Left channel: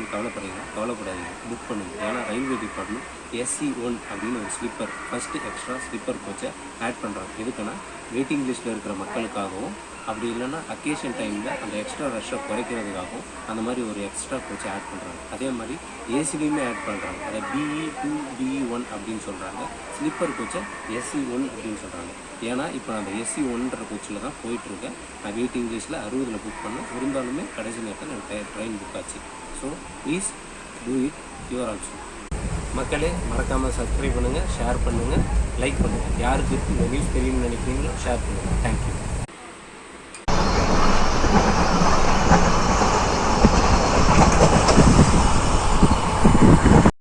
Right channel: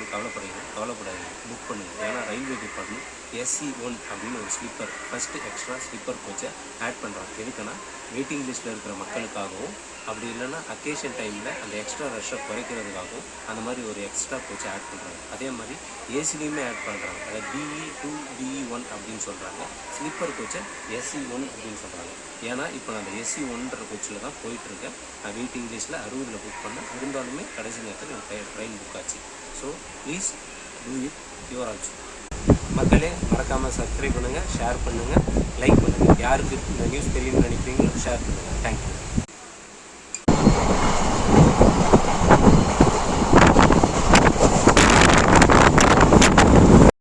ஆயிடுச்சுன்னு கவலைப்படாதீங்க, புக் பண்ணுங்கள். ஏன்னா ரயில்வே டிபார்ட்மெண்ட் SE1 அப்படின்னு ஒரு sleeper first extra sleeper கோச்சை add பண்ணுறாங்க. எதுக்குன்னா வெயிட்டிங் லிஸ்ட்டில் இருக்கிற மக்களுக்காகவும், அப்படி இல்லைன்னா அக்கேஷன் டைமில் அந்த எக்ஸ்ட்ரா ரஷ்ஷை குறைக்கிறதுக்காகவும் அந்த மாதிரி ஒரு எக்ஸ்ட்ரா கோச்சை ஆட் பண்ணுறாங்க. அதே மாதிரி ஏசிலையுமே ஆட் பண்ணுறாங்க. அதை BE2 BE1 அப்படின்னு சொல்கிறாங்க. ஸ்லீப்பர் கோச்சை SE1 அப்படின்னு சொல்கிறாங்க. ஏன்னா இப்போ அந்த SE1ன்ற கோச்சில் தான் போயிட்டுருக்கேன். நான் வெயிட்டிங் லிஸ்ட்டில் 60 புக் பண்ணேன். இருந்தாலுமே கடைசி நேரத்தில் எனக்கு ட்ரெயின் புக் ஆச்சு. So please do it your also. மக்களே, மறக்காமல் சப்ஸ்கிரைப் பண்ணுங்கள், ஷேர் பண்ணுங்கள், லைக் பண்ணுங்கள். யாருக்கு இந்த நியூஸ் தெரியும்னு நினைக்கிறீங்களோ ஷேர் பண்ணுங்கள். தேங்க்யூ.